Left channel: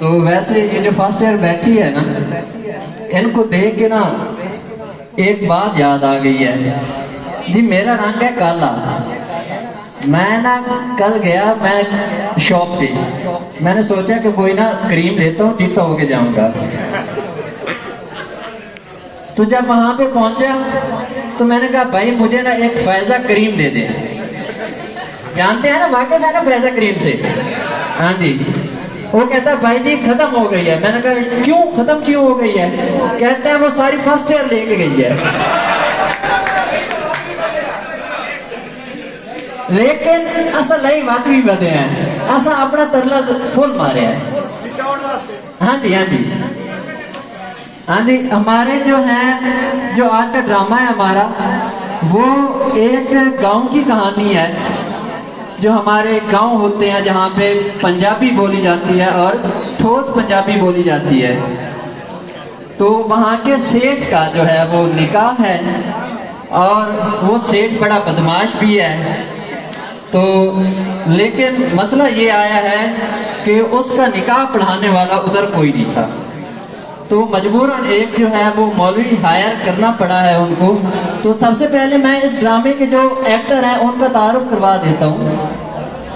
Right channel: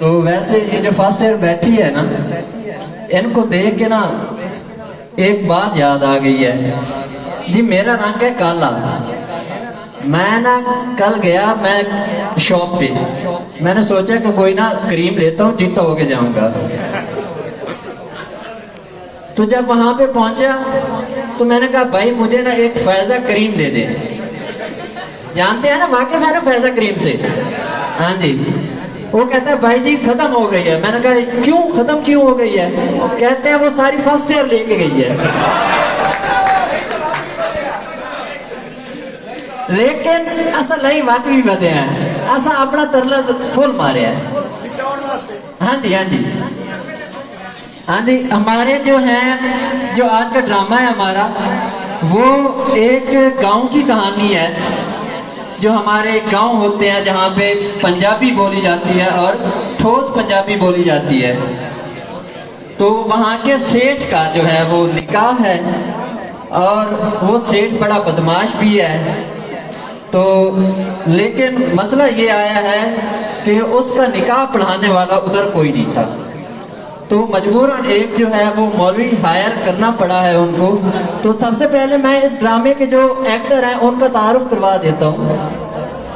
तो वैसे ये जो फर्स्ट ईयर बैठी है ना, इनको देख के ना एक बात याद आ गई है जी। मेरा रंग है काला। मैं ना कल गया मैं शॉप पे, मैंने सोचा कि कोई ना क्रीम लेता हूँ, चिट्टा होके जाऊंगा। तो जब वहां पे पहुंचा तो मैंने कहा भाई मुझे ना एक फैजा क्रीम दे दे। जानते हैं ना वाकई मैंने फैजा क्रीम से। हाँ जी। वो कहता भाई जी खत्म हो गई है। मैंने कहा क्यों खत्म क्यों हो गई है? कहते हैं वो सारी फर्स्ट ईयर लेके गई है। लेकिन असा नहीं बात भी बदे हैं, असा अपना तरला फुल मारे है। हाँ जी हाँ जी हाँ जी। हमारे जो है जो आज का ड्रामा है हमारा, वो एक गांव की कहानी है। जो हमारे गांव होते हैं जहाँ पे पंजाबी बोली जाती है और ठोस पंजाबी बोली जाती है। तो वहाँ के सेठ का जो है वो निकाह है और वो सेठ बड़ा बदमाश भी है। तो लेकिन मसला ये आया है कि उसका निकाह पढ़ाने वाला उधर कोई नहीं था। तो मजबूरन एक जो है वो मौलवी हायर करना पड़ा है उनको। तो सबसे पहले मैं इस ड्रामे के जो एक्टर हैं उनका तारुफ करवा देता हूँ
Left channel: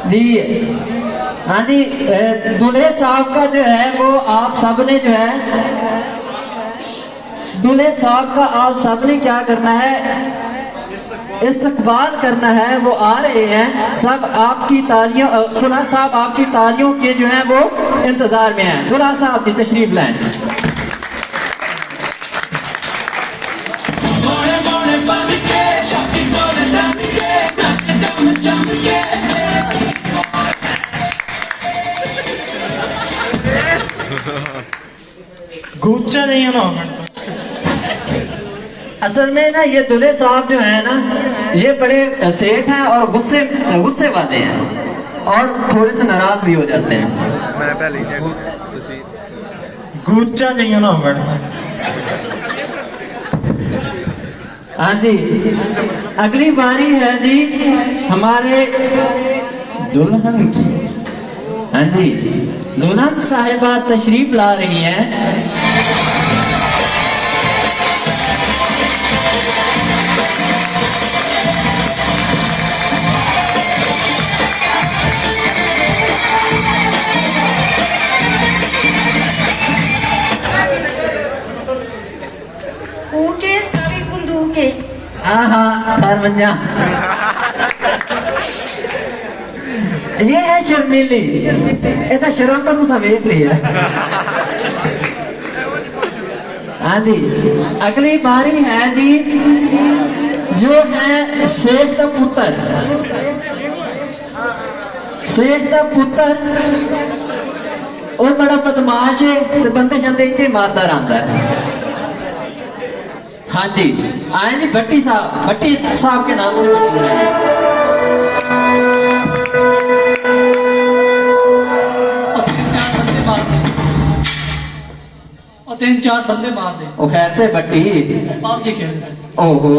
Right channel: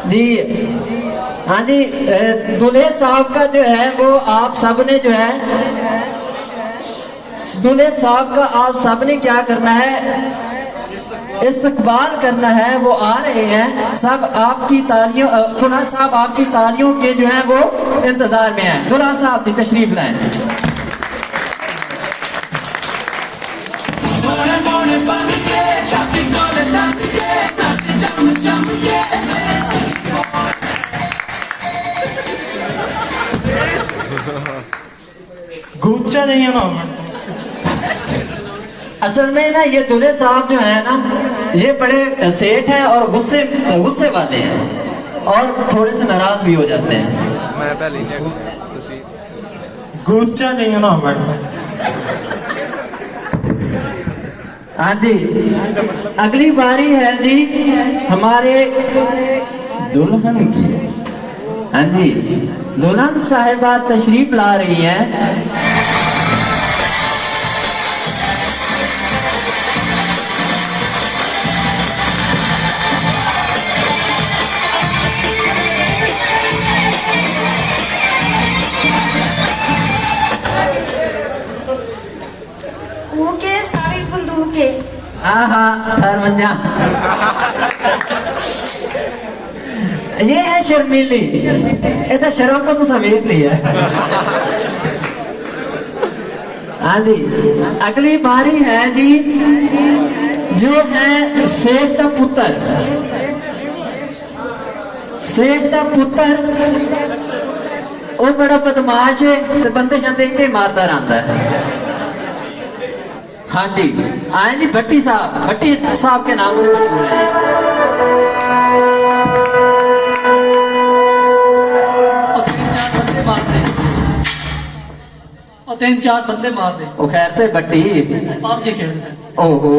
जी। हाँ जी, दूल्हे साहब का जो है वो आप सबने जो है, दूल्हे साहब का आप सबने क्या करना है, इस्तकबाल करना है। वो आ रहे हैं, सब आपकी तालियों, दूल्हा साहब आपकी तालियों के जो है वो इंतजार में है। दूल्हा साहब की तशरीफ लाएं। गुच्चा नहीं है ना। असल में ना ये दूल्हे साहब जो है ना ये बड़े सेठ हैं और गुस्से वाले हैं और थोड़े से नाराज भी हो जाते हैं। मैं पहले गुच्चा नहीं है ना। हाँ जी, अगली बारी है जी हमारे दुल्हन की। हाँ जी, दुल्हन साहिबा तशरीफ ला रही हैं। ओके सारी बंदूके। हाँ थरमंजा। ये है शर्मीली, इतना शर्म का तुसा वेख लिया। हाँ जी, अगली बारी है जी जो है सेठ का पुत्र। सेठ का पुत्र वो बड़ा बदमाश है, तो बंदे शंदे इतने मारता रहता है। हाँ जी, आए जी भट्टी साहब। भट्टी साहब के नाम से मशहूर है। तीन चार बंदे मार दे। वो खैरते भट्टी आप जी खेल रहे। ओहो।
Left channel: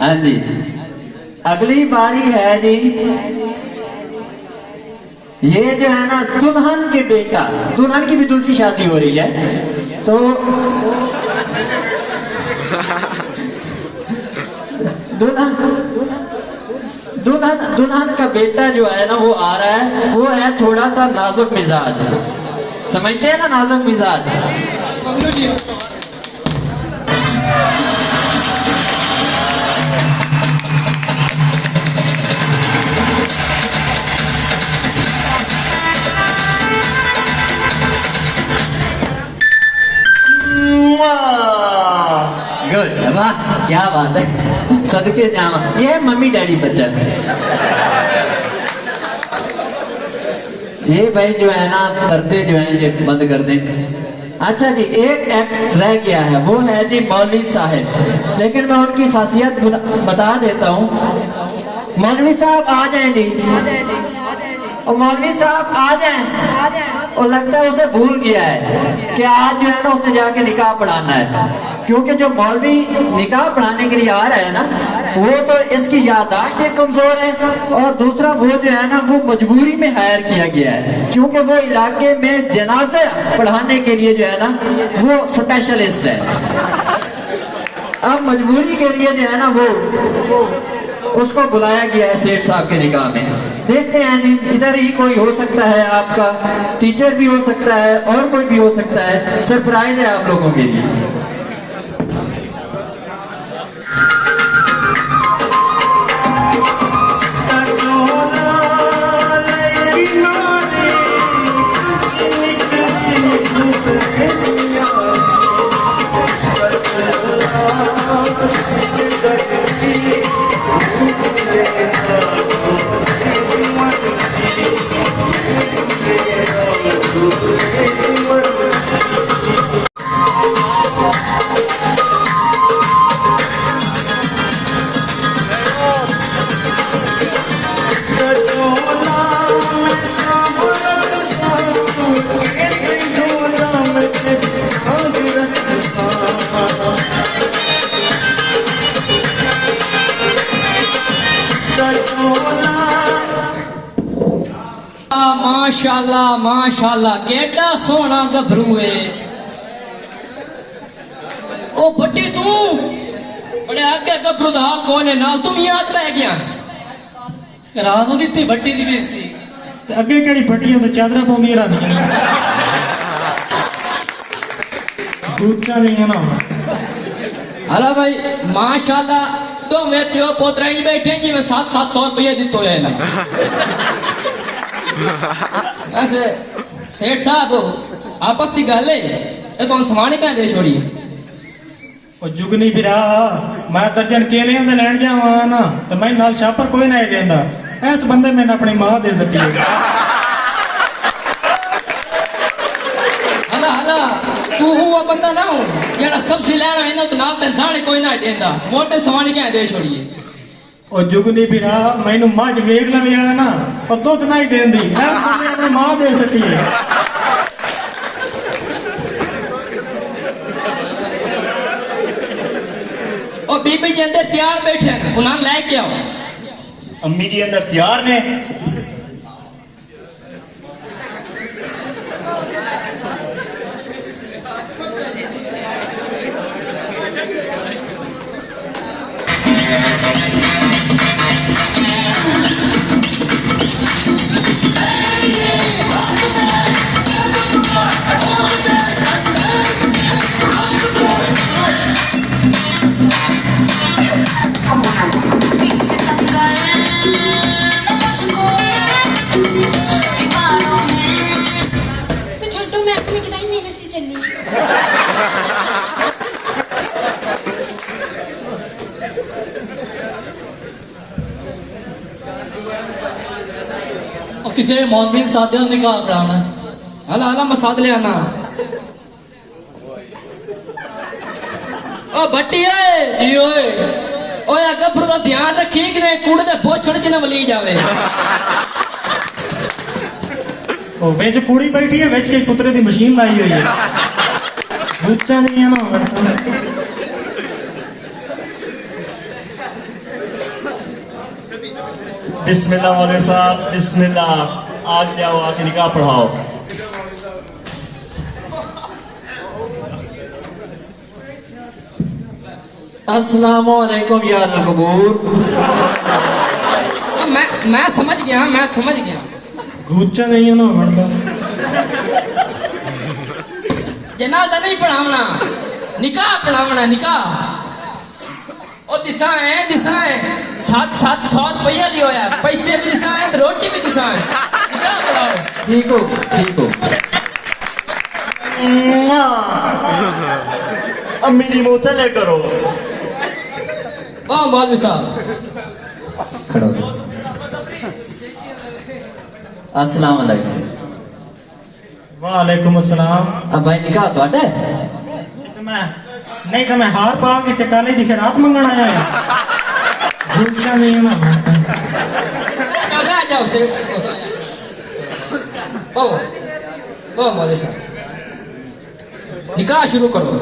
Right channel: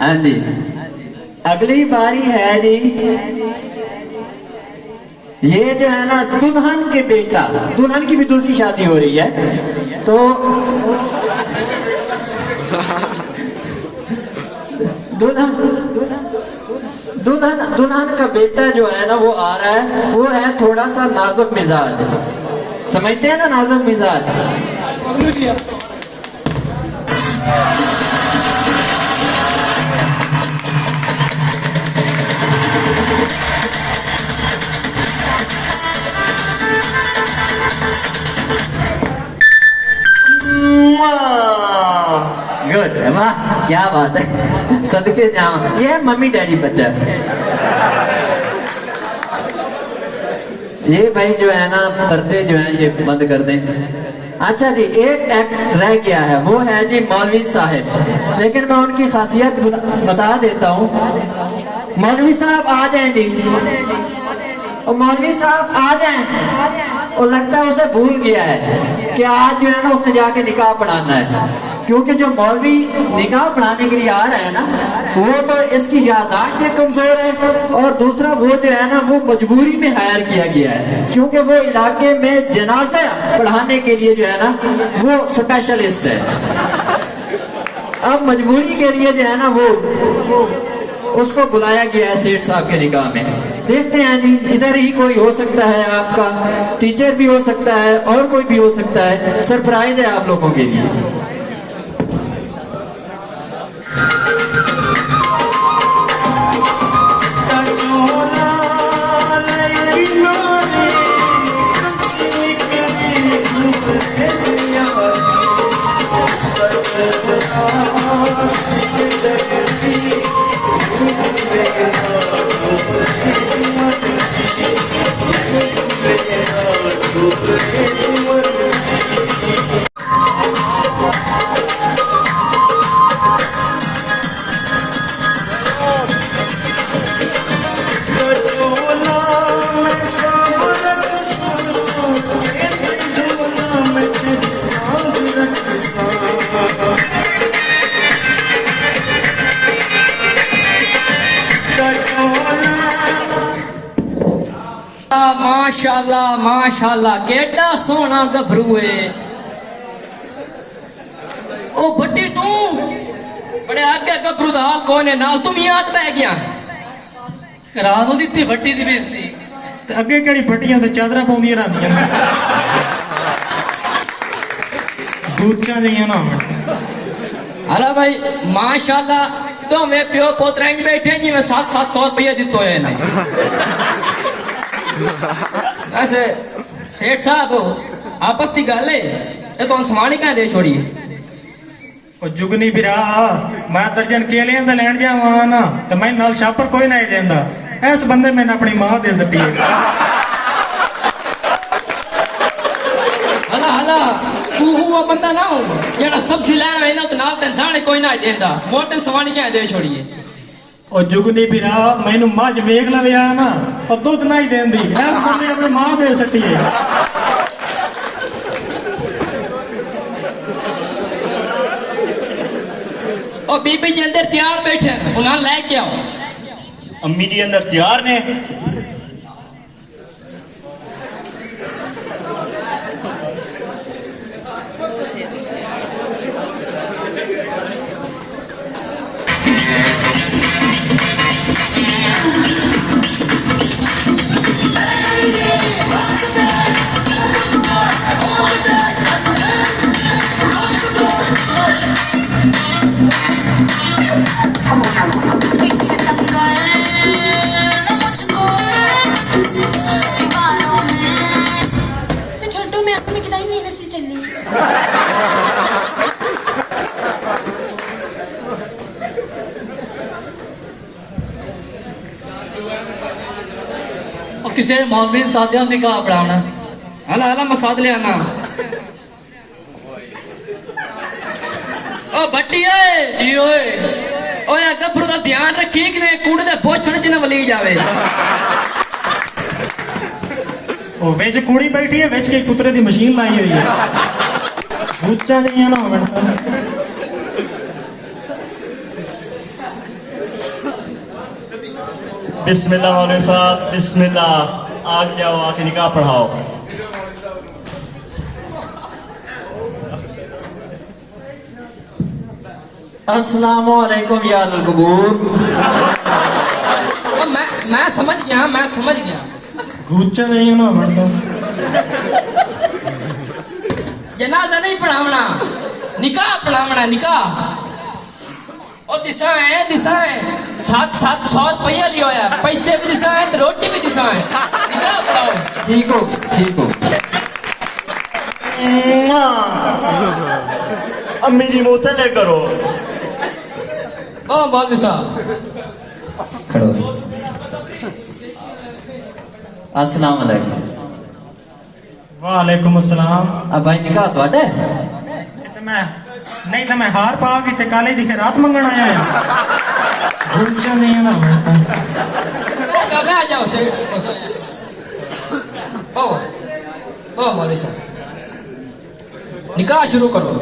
हाँ जी, अगली बारी है जी ये जो है ना दुल्हन के बेटा। दुल्हन की भी दूसरी शादी हो रही है। तो दुल्हन का बेटा जो है ना वो आ रहा है। वो है थोड़ा सा नाजुक मिजाज, समझते हैं ना नाजुक मिजाज। गुड, वाह क्या बात है, सदके जामा। ये है मम्मी डैडी बच्चा। ये भाई जो है ना पर्दे जो है ये बंद कर दें। अच्छा जी, एक एक्ट रह गया है, वो है जी मौलवी साहब। लेकिन मैं उनकी खासियत बता देता हूँ। मौलवी साहब आ जाएं जी, और मौलवी साहब आ जाएं। और लगता है उसे भूल गया है कि आज जो है ना उसने जाके निकाह पढ़ाना है। क्योंकि जो मौलवी निकाह पढ़ाने के लिए आ रहा है ना, वो तो इसकी याददाश्त एक कमजोर है, और दूसरा वो जो है ना वो मजबूरी में हायर किया गया है, क्योंकि वो इलाके में जनाजा पढ़ाने के लिए जो है ना वो स्पेशलिस्ट है। अब मजबूरी के लिए जो है ना वो उसको बुलाया गया है सेठ साहब के निकाह में। देखते हैं जी, इधर ही कोई हो सकता है, आपका टीचर भी हो सकता है और कोई भी हो सकता है। सरप्राइज है आप लोगों के लिए। माशाल्लाह माशाल्लाह केड़ा सोना गभरू है। ओ भट्टी तू बड़े आगे गभरू दा हाल कौन है नाल तुम याद पै गया करा दो दित्ती भट्टी दी बेइज्जती ते अगे केड़ी भट्टियां ते चादरां पाउंदियां रहंदियां दूचा नहीं ना। हला भाई माशाल्लाह तो मैं प्यो पोतरा ही बैठे जी मैं 700 रुपया दितो है ना। वैसे सेठ साहब आपस की गल है ये तो सवानी क्या दे छोड़ी ओ जुगनी बिरा मैं दर्जन केलियां दा लैन जावां ना ते मैं नाल शापर कोई नहीं देंदा। इस बंदे मैंने अपनी मां दे सटी है। हला हला तू वो बंदा ना हो जेड़ा सब्जी लेना है ना तो नाल ते दाने कोई नहीं देंदा मोटे सवानी क्या दे छोड़ी ओ जुगनी बिरा मैनू मझ वेख लवे आ ना पर दुध नहीं देंदी। इस बंदे अपनी मां दे सटी है। और बीबी जी अंदर तैयार बैठे उन्हें लेके आओ। अम्मी जी अंदर तैयार ने। छोटू मैं अपनी किताई मेरे से चलनी और किसी मौलवी साथियों ने कहा पढ़ाना हला हला मसाद ले आना। ओ भट्टी ओए ओए ओए गब्रू का ध्यान रखी कि ने कूड़े दे पोछड़ च न वली जावे। ओ विच कुड़ी बैठी है विच के कुतरे दी मशीन लाई हुई है। दूचा नहीं है ना। बिस्मिल्लाह वाले साहब बिस्मिल्लाह आज जाओ आके निकाह पढ़ाओ। अस्सलाम वालेकुम या कबूर। तो मैं समझ गया दूचा नहीं है ना मतलब जनाजा नहीं पढ़ावना निकाह पढ़ावना निकाह। ओ दिशा है 700 रुपया लियो है पैसे भी दिशा है रोटी भी दिशा है निकाह पढ़ाओ। ठीक हो ठीक हो। अम्मी जी मुँह ले करो। ओ मौलवी साहब खड़ो। अस्सलाम वालेकुम। वालेकुम अस्सलाम। अब भाई निकाह ਤੁਹਾਡਾ नहीं तो मैं हार पा के ते काले दी खैरात मंगण आया है। दूचा नहीं है ना। मैं जाओ से ओ मौलवी साहब निकाह शुरू करो।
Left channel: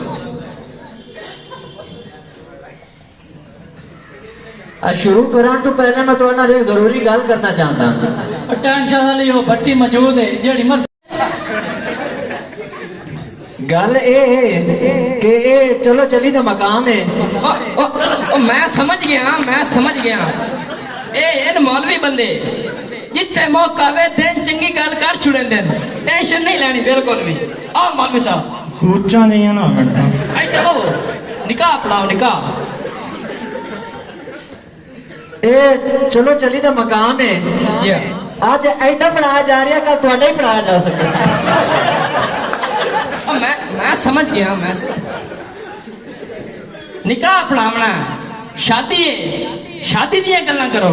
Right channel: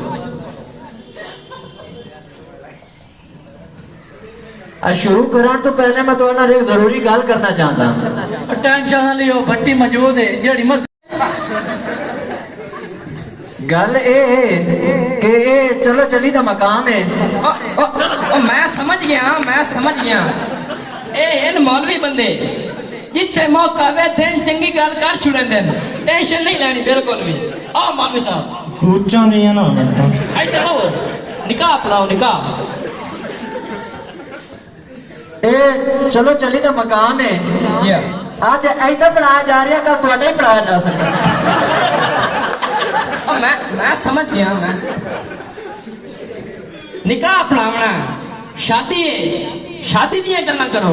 शुरू करने तो पहले मैं तुहाडे नाल एक जरूरी गल करना चाहता हूं। टेंशन ना लियो, भट्टी मौजूद है जेड़ी मर गल ए कि ए चलो चली दा मकाम है। मैं समझ गया ए इन मौलवी बंदे जिथे मौका वे दिन चंगी गल कर छुड़न देन, टेंशन नहीं लेनी बिल्कुल भी। आओ मौलवी साहब कूचा नहीं है ना इधर आओ, निकाह पढ़ाओ निकाह। ए चलो चली दा मकाम है, या आज ऐसा पढ़ाया जा रहा, कल तुहाडा ही पढ़ाया जा सकता। मैं समझ गया, निकाह पढ़ावना शादी है, शादी दियां गल्लां करो।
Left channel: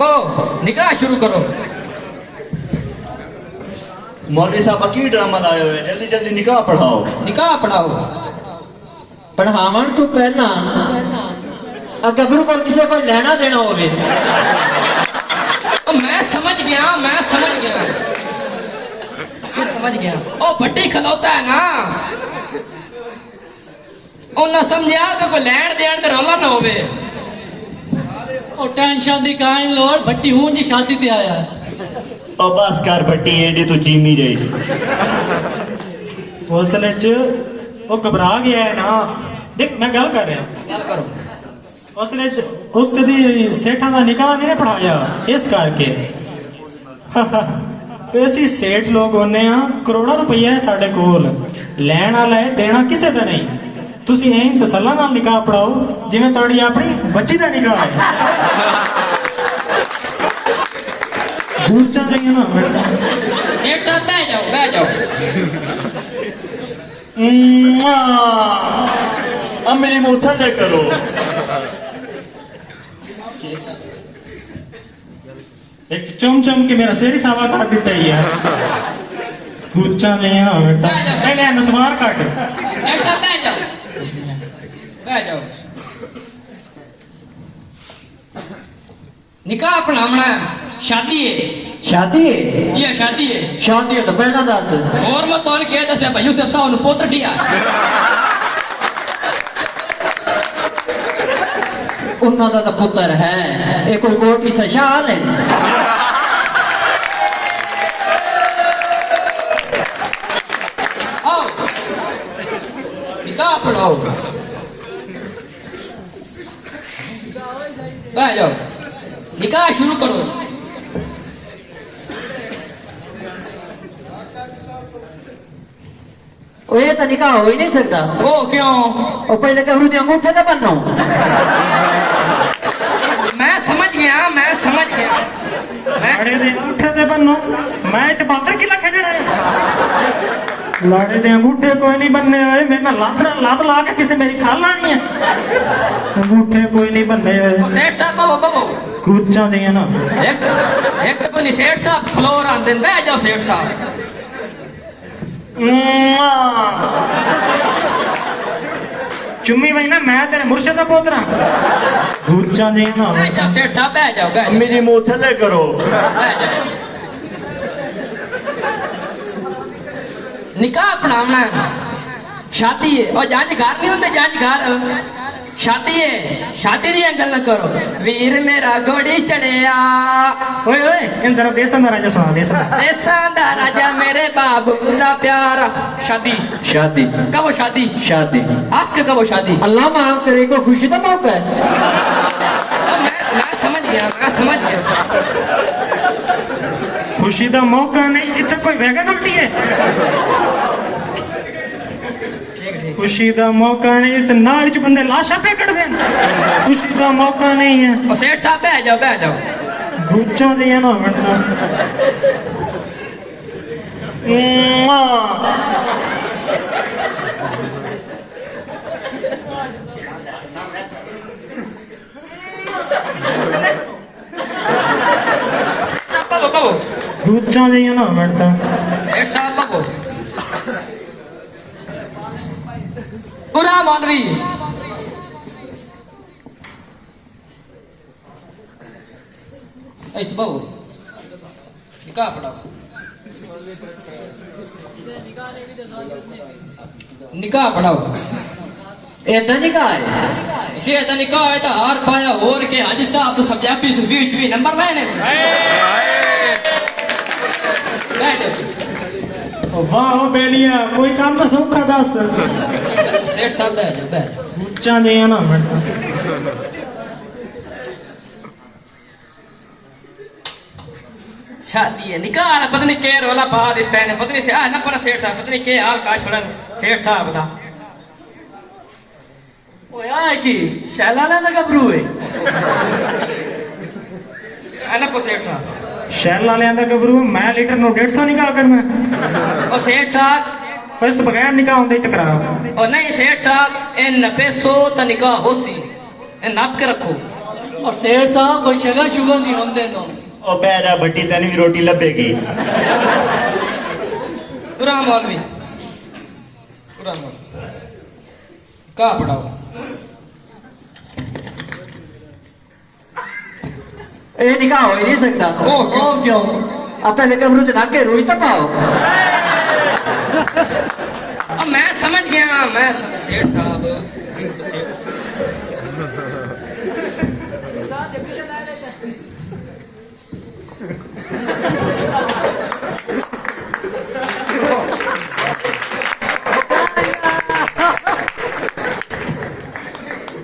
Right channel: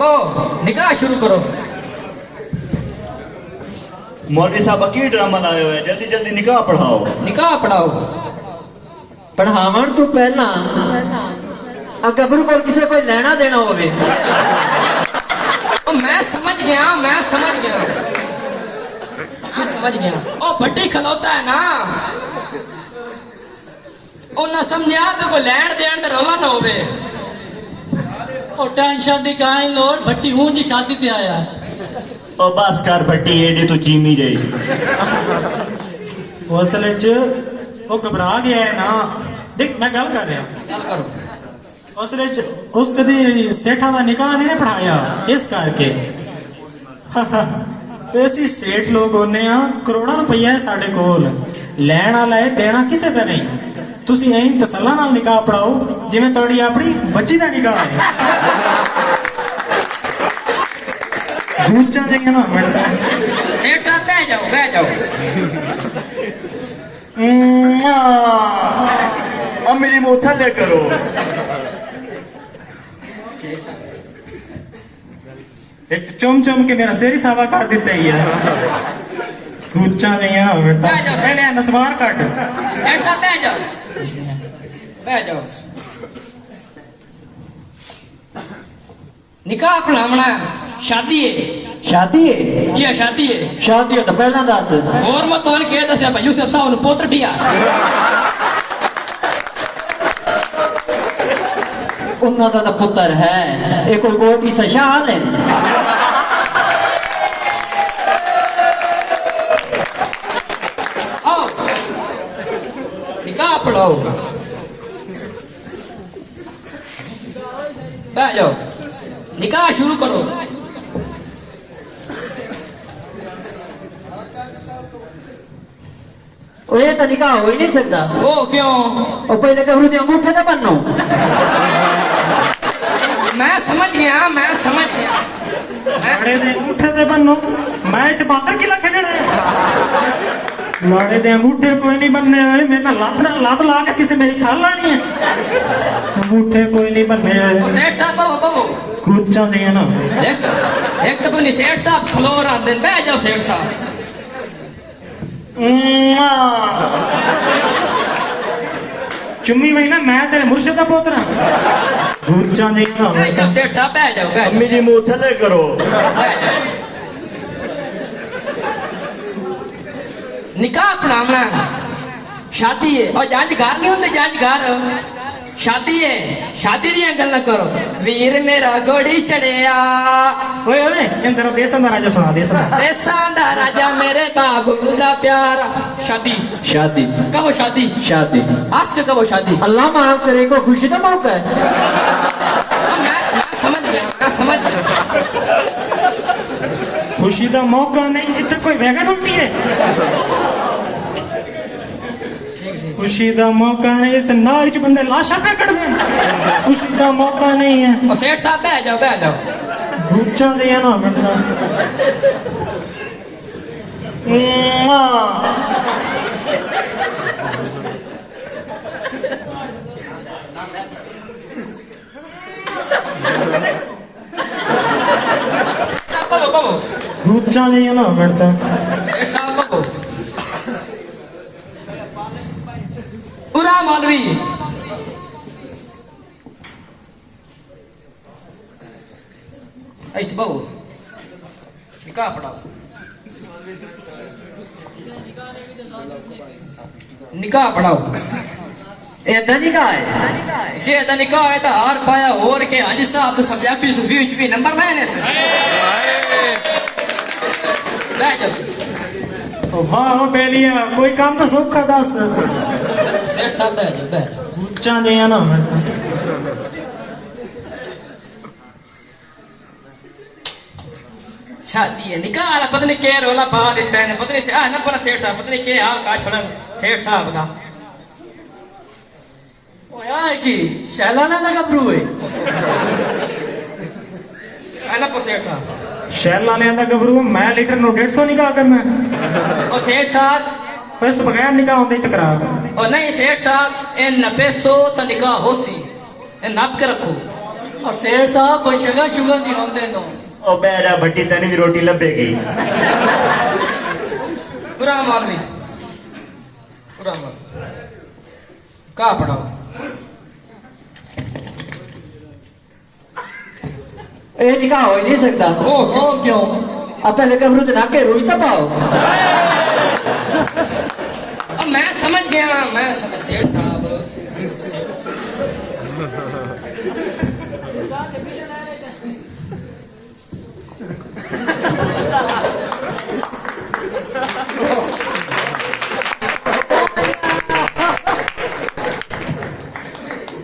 ओ निकाह शुरू करो। मौलवी साहब की ड्रामा लाए हुए, जल्दी जल्दी निकाह पढ़ाओ। निकाह पढ़ाओ। पढ़ावन तो पहला गबरू को किसी कोई लेना देना होवे। मैं समझ गया ओ भट्टी खलोता है ना, उन्हें समझा तो कोई लैन देन ते रौला ना होवे। ओ टेंशन दी काई लोड़, भट्टी हूं जी शादी ते आया। और बस कर बट्टी एडी तू चीमी रही। हौसले च वो घबरा गया है ना। देख मैं गल कर रहा हौसले च उस कदी सेठा का निकाह नहीं ना पढ़ाया, इस करके ऐसी सेठ लोग होने करोड़ों रुपया है साढ़े कोल, लैन वाला है देना किसी का नहीं। तुसी ऐं तसल्ला नाल निकाह पढ़ाओ जिवें तुहाडी अपनी बच्ची का निकाह है। गूंचा देंगे ना सेठ साहब बह जाओ। अब मेरी मुंह थल्ले करो। एक चुम चुम के मेरा शेरी सावा कर देता ही है। गूंचा नहीं है बेटा, पहले नसवार काट। सेठ साहब बह जाओ। निकाह पढ़ावना शादी है। शादी है? ये शादी है। शादी है तो पहला दस और मैं तो कह दस भाई यूसुफ साहब ने पोत्र दिया। उन्हों का तो पुत्र है, एक कोई कोटी से शाल है। आओ निकाह पढ़ाओ, बह जाओ, निकाह शुरू करो। ये तो निकाह हो ही नहीं सकता। ओ क्यों? और पहले गबरू दे अंगूठे तो बनो। मैं समझ गया। लाड़े दे अंगूठे ते बन्नो, मैच बाहर किला खेलना है। लाड़े दे अंगूठे कोई नहीं बनने आए, मेरा लात ला के किसे मेरी खाल लानी है। अंगूठे कोई नहीं बनने आए। सेठ साहब बाबू गूंचा नहीं है ना। एक तो नहीं सेठ साहब खलोर आते, बह जाओ सेठ साहब। चुम्मी वही ना, मैं तेरे मुर्शद का पोतरा। गूंचा नहीं ना। बह जाओ सेठ साहब, बह जाओ। मेरी मुंह थल्ले करो। निकाह अपनाना शादी है, और जांचगार नहीं होंगे, जांचगार शादी है। शादी दियां गल्लां करो। वीर मेरा घोड़ी चढ़िया। ओए ओए इन जरा देसन दा राजा सुना, देसां दा राजा मेरे बाबू दा प्यारा। शादी शादी कब शादी? शादी आज के कब शादी? अल्लाह माफ करे, को खुशी का मौका है। मैं समझ गया। खुशी का मौका नहीं, इतने कोई वैगन रोटी है। खुशी का मौका नहीं तो नार च बंदे लाशा पे कट देन। खुशी का मौका नहीं है। सेठ साहब बह जाओ। गूंचा दिया ना बनना। गूंचा दिया ना बनता। सेठ साहब कब पूरा मौलवी बहु निकाह पढ़ाओ। निकाह पढ़ाओ ਏਦਾਂ ਨਹੀਂ ਕਹਾ ਹੈ इसे दा निकाह है तो हार पाया और के हाजी साहब तो सब्जेक्ट सुफी विच भी नंबर मैंने वाह बेलिया कोई काम तो सौखा दस सेठ साहब बैठ जाओ ਉੱਚਾ ਜਿਹਾ ਨਾ शादी है निकाह वाला पता नहीं के रोला पा देता है पता नहीं से ना पता सेठ साहब पता नहीं के हाल का छोड़ा सेठ साहब का ਓਏ ਆ ਕੀ ਸ਼ੈਲਾਨਾ ਦਾ ਗੱਭਰੂ ਏ है ना को सेठ साहब ਸ਼ੈਲ ਵਾਲਿਆਂ ਦਾ ਗੱਭਰੂ ਮੈਂ ਲੀਟਰ ਨੂੰ 150 ਨਿਕਾਹ ਕਰਨਾ और सेठ साहब ਇਸ ਤੋਂ ਬਗੈਰ ਨਿਕਾਹ ਹੁੰਦਾ ਹੀ ਤਕਰਾਰ और नहीं सेठ साहब इन 90 तो निकाह हो सी इन नाप के रखो ਔਰ ਸੇਠ ਸਾਹਿਬ ਕੋਈ ਸ਼ਗਾ ਸ਼ੁਗਨ ਦੀ ਹੁੰਦੇ ਨੋ ਉਹ ਬਹਿ ਜਾ ਭੱਟੀ ਤੈਨੂੰ ਵੀ ਰੋਟੀ ਲੱਭੇਗੀ पूरा मौलवी पूरा मौलवी कहाँ पढ़ाओ ਇਹ ਨਿਕਾਹ ਹੋ ਹੀ ਨਹੀਂ ਸਕਦਾ ਉਹ ਕਿਉਂ ਆ ਪਹਿਲੇ ਕਬਰੂ ਤੇ ਨਾਕੇ ਰੋਈ ਤਾਂ ਪਾਓ अब मैं समझ गया मैं सेठ साहब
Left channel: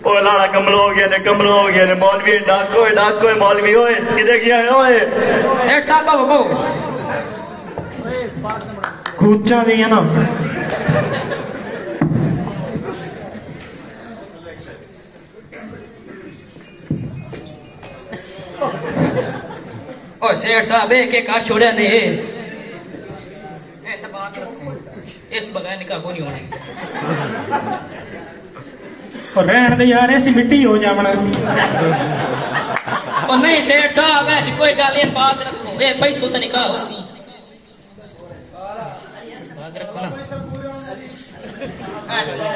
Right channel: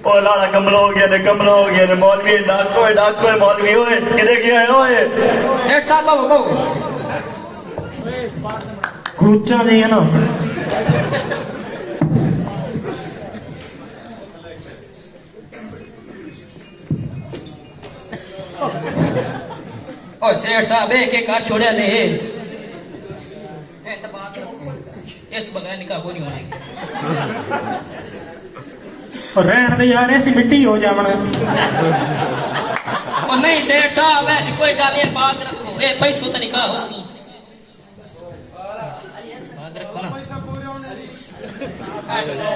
ਉਹ ਲਾਲਾ ਕਮਲ ਹੋ ਗਿਆ ਨੇ ਮੌਲਵੀ ਡਾਕੋ ਮੌਲਵੀ ਓਏ ਕਿਤੇ ਗਿਆ ਹੈ ਓਏ सेठ साहब बाबू को ਉੱਚਾ ਜਿਹਾ ਨਾ और सेठ साहब एक एक काश छोड़िया ने इस बगैर निकाह को नहीं होना ਰਹਿਣ ਦੇ ਯਾਰ ਐਸੀ ਮਿੱਟੀ ਹੋ ਜਾਵਣਾ और नहीं सेठ साहब ऐसी कोई गल ये बात रखो ये पैसों तो निकाह हो सी बात रखो ना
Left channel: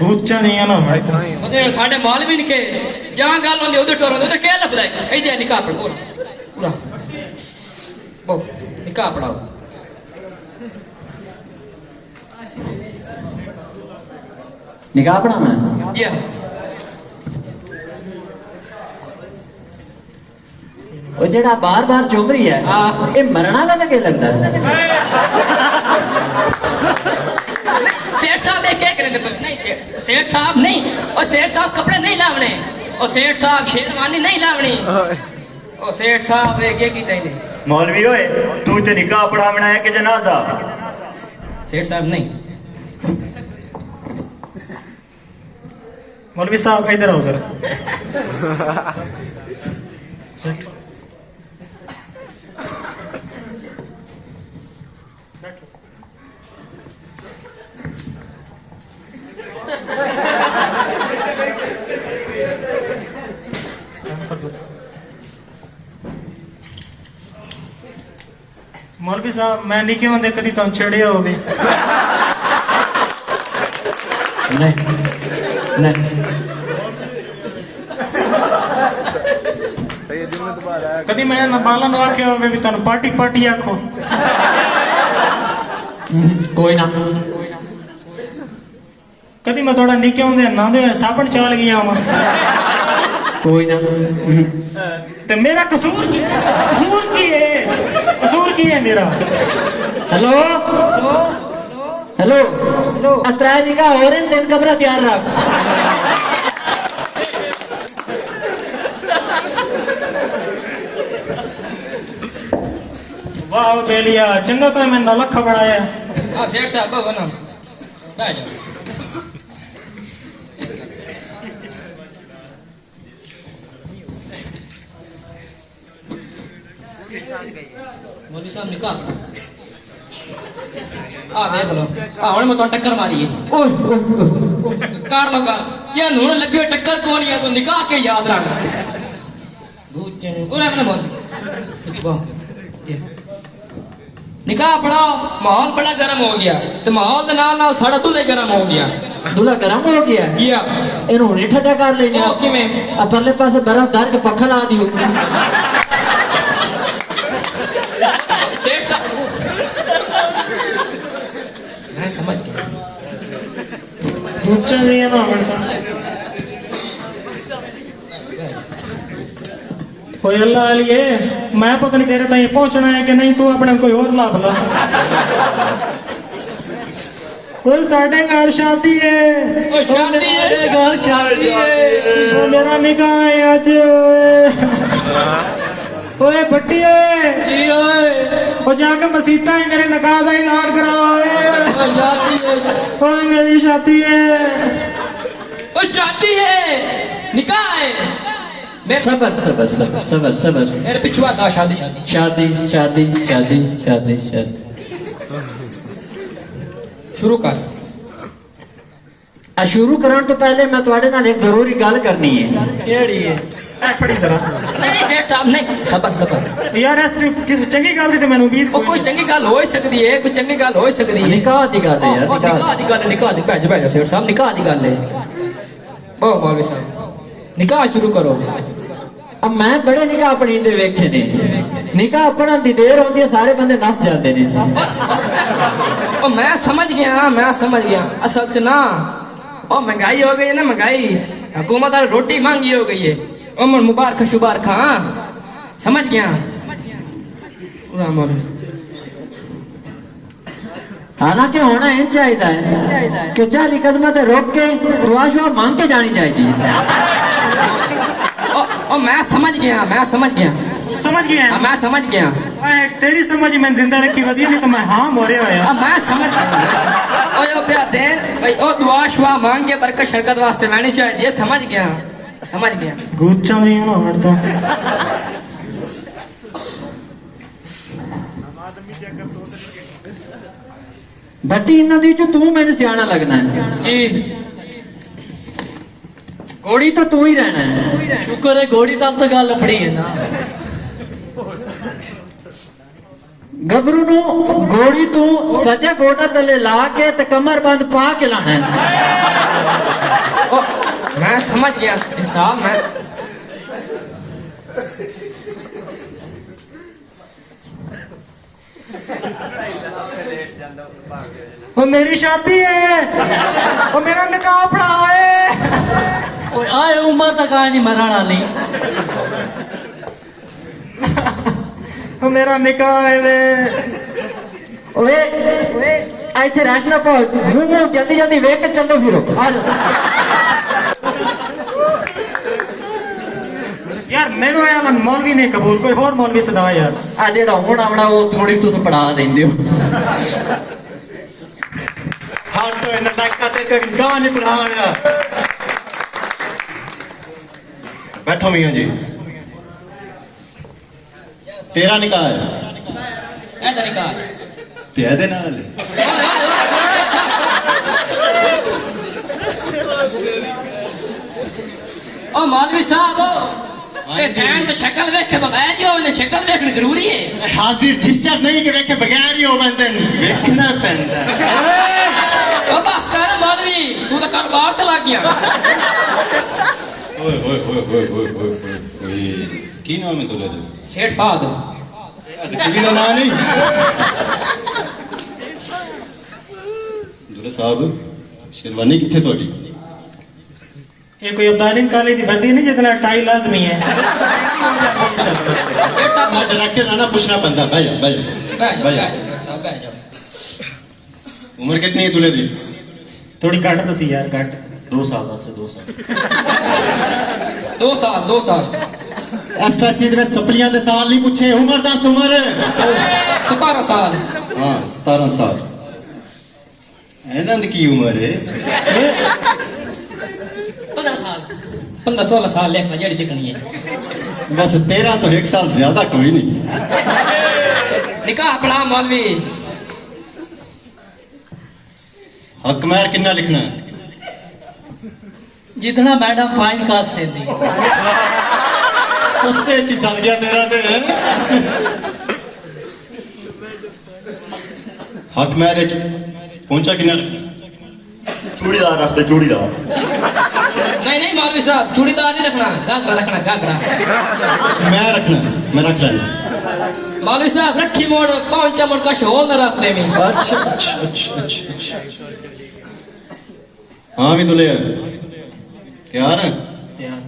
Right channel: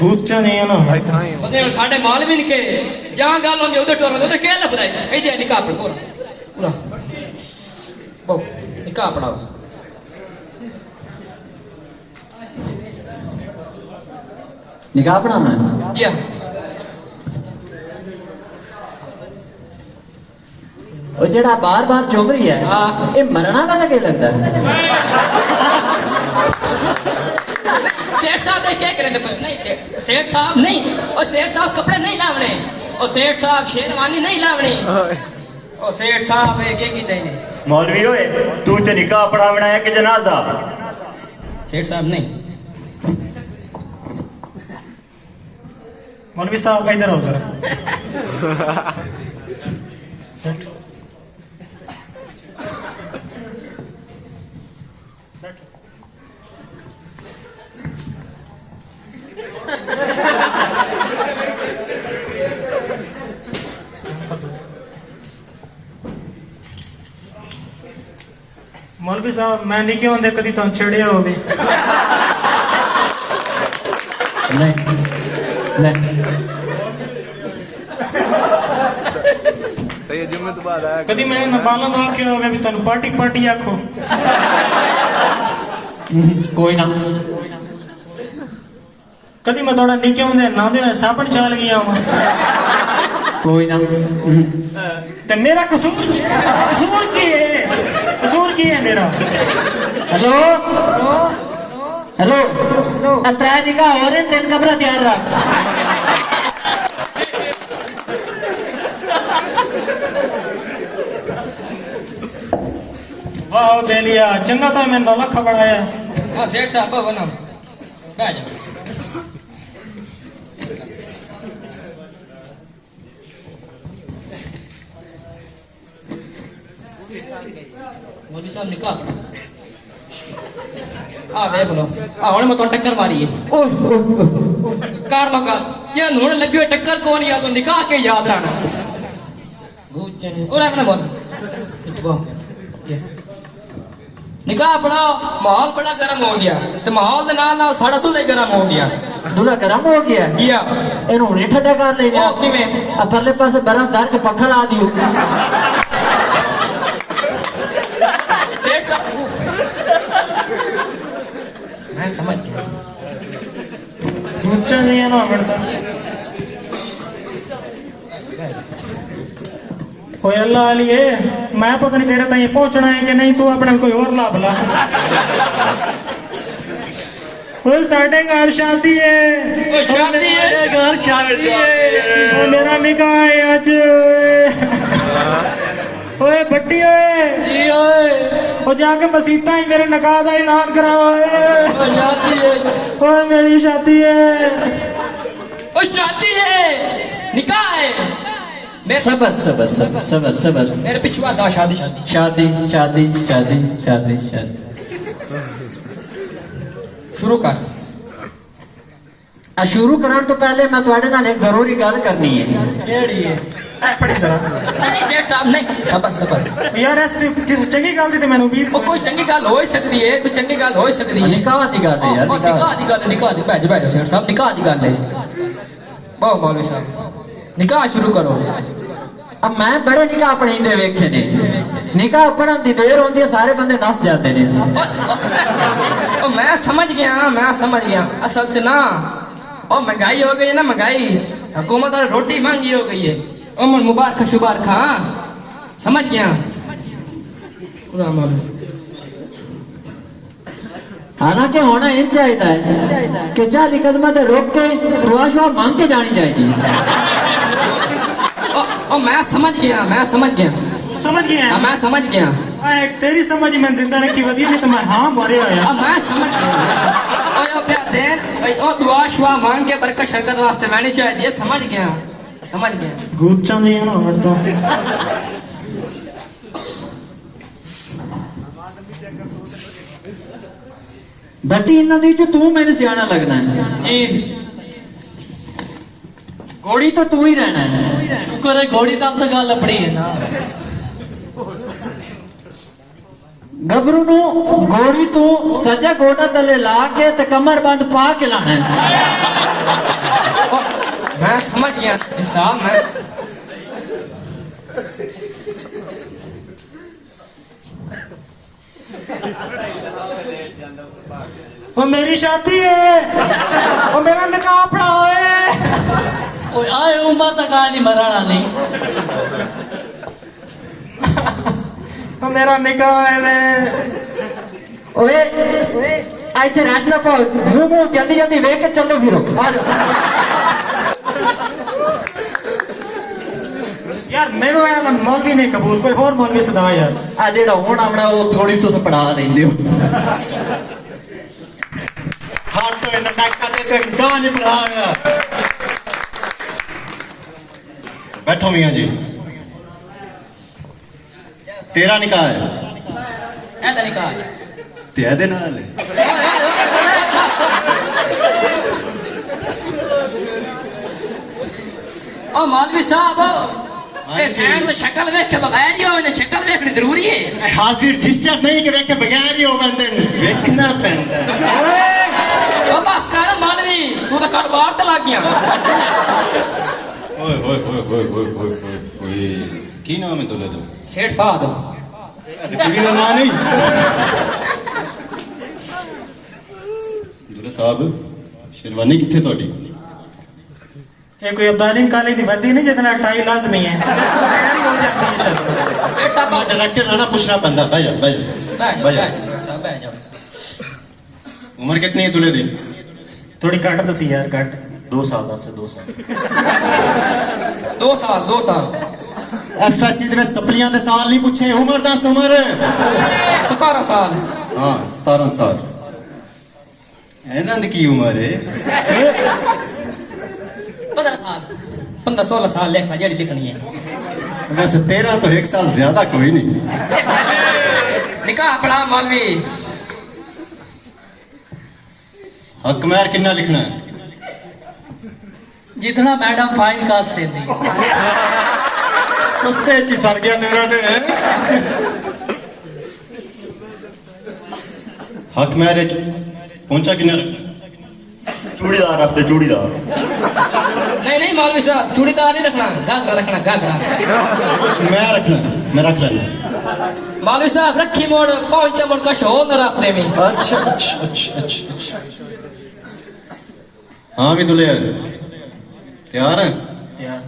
ਉੱਚਾ ਜਿਹਾ ਨਾ ਉਹਦੇ ਸਾਡੇ ਮੌਲਵੀ ਨੇ ਕੇ ਜਾਂ ਗੱਲ ਹੁੰਦੀ ਉਹਦੇ ਟੋਰ ਉਹਦੇ ਕਹਿ ਲੱਭਦਾ ਇਹਦੇ ਨਿਕਾਹ ਪੜੋ ਪੂਰਾ ਬੋ ਨਿਕਾਹ ਪੜਾਓ ਨਿਕਾਹ ਪੜਾਉਣਾ ਜੀ ਉਹ ਜਿਹੜਾ ਬਾਰ-ਬਾਰ ਚੁੰਮ ਰਹੀ ਹੈ ਹਾਂ। ਇਹ ਮਰਨ ਵਾਲਾ ਤਾਂ ਕੀ ਲੱਗਦਾ सेठ साहब एक एक नहीं सेठ साहब नहीं और सेठ साहब कपड़े नहीं लावने और सेठ साहब शेरवानी नहीं लावनी और सेठ साहब एक एक ही देने ਮੌਲਵੀ ਓਏ ਤੂੰ ਤੇ ਨਿਕਾਹ ਪੜਾਵਣਾ ਹੈ ਕਿ ਜਨਾਜ਼ਾ सेठ साहब नहीं मौलवी साहब इधर आओ जरा मौलवी साहब मैं नहीं क्यों होंगे कदी तुम छेड़िया होगी कदी मैं नबाला नु आख्या होवे भी तन्नू पार्टी पार्टी आखो ਕੋਈ ਨਾ कदी मैं थोड़ा निके होंदे ना दे साबण चल गया हूं ਕੋਈ ਨਾ ते मेरा कसूर की है मेरा हेलो हेलो अतराय निकाह हो रहे हैं दिन कमरा तैयार रख वाह बेलिया चंगा तो मैं लख बनाया हाँ सेठ साहब बनो बैठ जाओ मोदी साहब निकाह आ देख लो हुण मैं तो टक्कर मारी है ओए ओए ओए कार मगा ये हुण लगे टक्कर कौन या तो निकाह के याद रखना और अपने बोल निकाह पढ़ाओ माहौल बड़ा गर्म हो गया तो माहौल के नाल नाल साड़ा दूल्हा गर्म हो गया दूल्हा गरम हो गया या ਇਹਨੂੰ ਹੁਣੇ ਠੱਡਾ ਕਰ ਲੈਨੇ ਉਹ ਕਿਵੇਂ? ਆ ਪਰਲੇ ਪਾਸੇ ਬਰਾ ਧਰ ਕੇ ਪੱਖਾ ਲਾ ਦਿਓ सेठ साहब मैं समझ गया गुच्चा नहीं है ना बनता कोई अल्लाह अलिए मैं पता नहीं तेरे ताईं पहुंचना है कि नहीं तू अपने कोई और लाभ ला कोई साढ़े घर शादी है शादी है घर शादी है मेरा निकाह है आज ओए भट्टी ओए जी ओए ओ जाके मसीता है मेरे निकाह का ऐलान कराओ शादी है ओए मेरी शादी है ओ शादी है निकाह है सबर सबर सबर सबर सबर मेरे पिछुआ था शादी शादी शादी शादी शादी शादी शादी शुरू कर शुरू करने तो पहले मैं तुम्हारे नाल एक जरूरी गल करनी है केड़ी है पड़ी जरा नहीं सेठ साहब नहीं सबर सबर यार ऐसी किसी चंगी गल दी ते मैनू उम्मीद ਉਹ ਕੋਈ ਚੰਗੀ ਗੱਲ ਹੋ ਹੀ ਸਕਦੀ ਹੈ ਕੋਈ ਚੰਗੀ ਗੱਲ ਹੋ ਹੀ ਸਕਦੀ ਹੈ निकाह की गल है यार ਉਹ ਨਿਕਾਹ ਦੀ ਗੱਲ ਨਿਕਾਹ ਦੀ ਭੈਜ ਭੈਜ ਸੇਠ ਸਾਹਿਬ ਨਿਕਾਹ ਦੀ ਗੱਲ ਹੈ ਬਹੁਤ ਮੌਲਵੀ ਸਾਹਿਬ ਨਿਕਾਹ ਸ਼ੁਰੂ ਕਰੋ अब मैं बड़े निकाह पढ़ींदे वेखे ने निकाह पढ़न दी देर होती है सारे बंदे नस जाते ने ਉਹ ਮੈਂ ਸਮਝ ਗਿਆ ਅਸਲ 'ਚ ਨਾ ਉਹ ਮਹਿੰਗਾਈ ਹੋ ਗਈ ਹੈ ਨਾ ਮਹਿੰਗਾਈ हुकूमत ने रोटी मांगी हो गई है उमर मुबारक शुबारक हाँ समझ गया पूरा मौलवी हालांकि होना इन चाहिए है कि 40 कदम से रोक के दुआ शुआ मांग के जानी चाहिए ओ मैं समझ गया समझ गया हाँ, मैं समझ गया तेरी समझ में जिंदा रखी वधी नहीं तो मैं हाँ मोरे होया मैं समझ गया ओ प्यार देन ओ दुआ शुआ मांग के बरकत शरकत वास्ते लानी चाहिए समझ गया गुच्चा नहीं है औरता बटी इन्हों दी तू मैंने सियाना लगना है जी घोड़ी तो तू ही रहना है शुक्र है घोड़ी तक तो गल अपनी है ना गबरू नु घोड़ी तू सजा गोटा तले ला के ते कमर बंद पा के लाना है ओ, मैं समझ गया इंसान मैं वो मेरी शादी है वो मेरा निकाह पढ़ाओ है ओए आए उम्र तक आए नहीं मराना नहीं वो मेरा निकाह है मैं ओए आई थे राशना पहुंच मुंह जल्दी जल्दी वेख के चलो फिरो आ जाओ यार मेरू है मौलवी नहीं कबूल कोई और मौलवी सदा यार आ जेड़ा हुण आवना वो थोड़ी तो पढ़ा देंदे हो हाँ तो इन नाका ते गां नहीं पढ़ाया बैठो मियां जी तेरा निकाह है ऐसा निकाह ते दे नाल ओ मौलवी साहब ए सैन तो शक्ल देख के बगैर ही हो शक्ल देखनी जरूरी है हाजिर जिस्टर नहीं कि वेखे बगैर ही हो बंदे वेखना पैंदा ओ बस कर मौलवी तू तो कारोबार तो लग गया ओए ओए ओए ओए ओए ओए ओए की नाम है तुला दे सेठ फाद कुड़ी का नाम नहीं दुला साहब शेरवानी किथे तोड़ी ये कोई अब्दालीन काली दी वर्दी नहीं जितना टाई लाजमी है सेठ साहब डायरेक्टर आना पूछना पैंदा भाई भाई सेठ साहब बैठ जाओ उम्र कितनी है तुले दी थोड़ी घट दसी यार घट 2 साल 2 साल 2 साल एफएससी दे सप्लियां दे साल नहीं पूछे उम्र 10 उम्र 17 साल हां 17 साल एनंद की उम्र है 15-16 साल लेखा जड़ी दिखनी है वैसे 13 तो 1 साल ज्यादा कोई नहीं निकाह पढ़ा मौलवी हक महर कितना लिखना है जितना मैडम फाइन कास्ट देती सस्ते ची सड़ गया मेरा दे हक महर पहुंचा कितना रखना चूड़ीदार रास्ते चूड़ीदार नहीं मौलवी साहब चूड़ीदार नहीं रखना घाघरा रखना घाघरा मैं रखना मैं रख लेना मौलवी साहब रखी मोड़ पहुंचा मोड़ का शो न रखने में अच्छा अच्छा अच्छा अच्छा अच्छा हाँ भी दुले तैयार है यार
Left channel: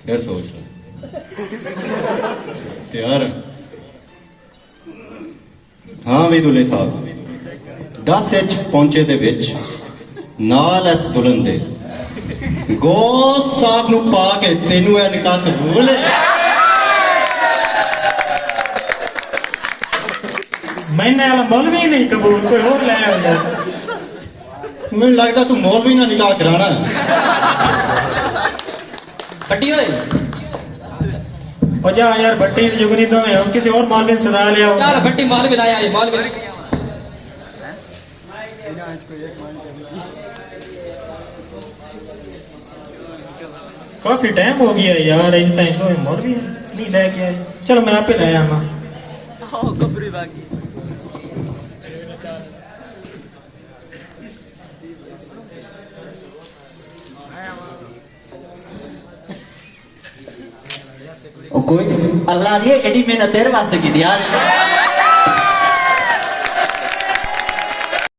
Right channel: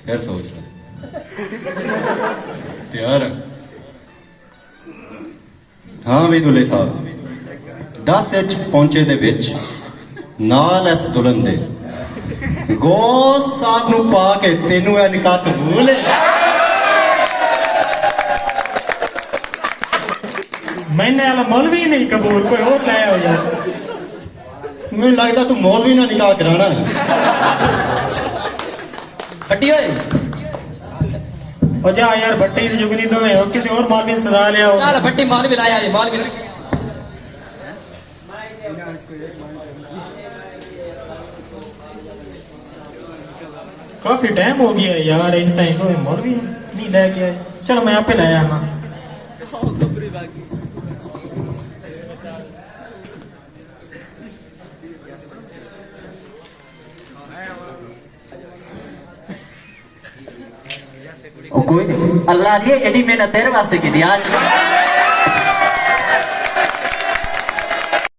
फिर सोच ले तैयार है हाँ भी दुले साहब 10 इंच पहुंचे दे विच नाल इस दुल्हन दे गौस साहब नू पा के तेनू ए निकाह कबूल है मैंने वाला मौलवी नहीं कबूल कोई और ले आओ यार ਮੈਨੂੰ ਲੱਗਦਾ ਤੂੰ ਮੌਲਵੀ ਨਾਲ ਨਿਕਾਹ ਕਰਾਣਾ कटी होए और जा यार भट्टी की जुगनी तो है किसी और मौलवी से सजा ले आओ चल भट्टी मौलवी लाया ये मौलवी काफी टाइम हो गया यार इस टाइम तो मौलवी नहीं लेके आए चलो मैं आप ही ले आना कोई नहीं अल्लाह ने एडी मेहनत तेरे वास्ते की यार